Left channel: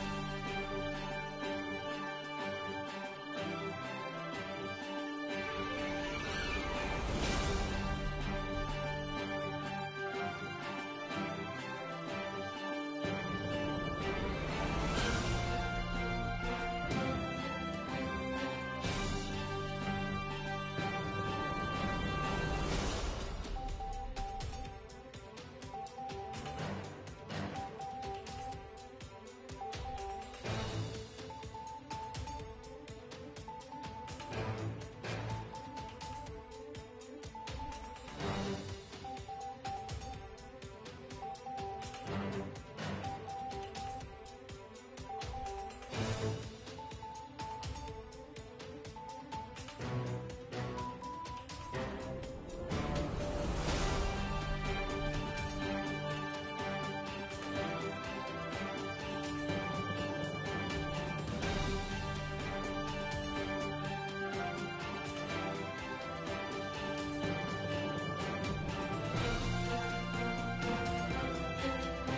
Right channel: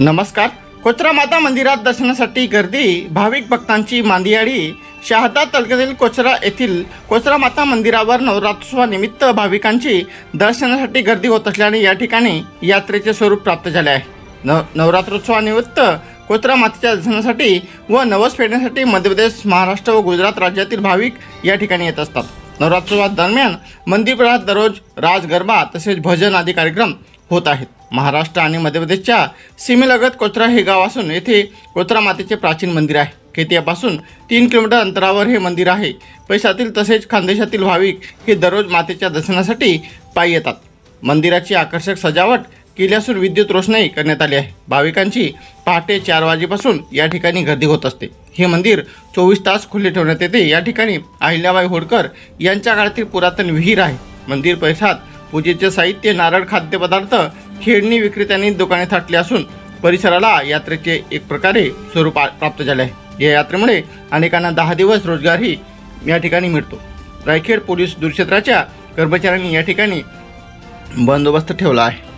नमस्कार. कोचरा माता मंदिरात दर्शनासाठी गर्दी. भाविक भक्तांची मांदियाळी. शहादा तालुक्यातील कोचरा येथील कोचरा माता मंदिरावर नवरात्रोत्सवानिमित्त भाविकांची दर्शनासाठी गर्दी होत असल्याने या ठिकाणी यात्रेचे स्वरूप प्राप्त झाले आहे. नवरात्रोत्सवानिमित्त कोचरा मातेच्या दर्शनासाठी व नवस फेडण्यासाठी मध्य प्रदेश, महाराष्ट्र व गुजरात राज्यातील भाविक या ठिकाणी येत असतात. नवरात्रोत्सवादरम्यान मंदिरात दररोज राज गरबा तसेच भजन आदी कार्यक्रम होत आहेत. महाराष्ट्र आणि मध्य प्रदेशच्या सीमेलगत कोचरा हे गाव असून येथे कोचरा मातेचे प्राचीन मंदिर आहे. खेतियापासून 3 किलोमीटर अंतरावर हे मंदिर आहे. पैशातील तसेच खानदेशातील भाविक हे दररोज मातेच्या दर्शनासाठी पायी येतात. मंदिराची आकर्षक सजावट केली असून विद्युत रोषणाई करण्यात आली आहे. भाविकांची पहाटे 4 वाजेपासून या ठिकाणी गर्दी होत असते. हे मंदिर 24 तास खुले ठेवण्यात येते. या ठिकाणी अहिल्याबाई होळकर यांच्या काळातील पुरातन विहीर आहे. मंदिर परिसरात पूजेचे साहित्य, नारळ, खाद्यपदार्थ, खेळणी विक्रेत्यांनी दुकाने थाटली असून परिसराला यात्रेचे एक प्रकारे स्वरूप प्राप्त झाले आहे. या यात्रेमुळे अनेकांना 10 दिवस रोजगारही या ठिकाणी मिळतो. रायखेड पोलीस दूरक्षेत्राच्या कर्मचाऱ्यांनी या ठिकाणी बंदोबस्त ठेवला आहे.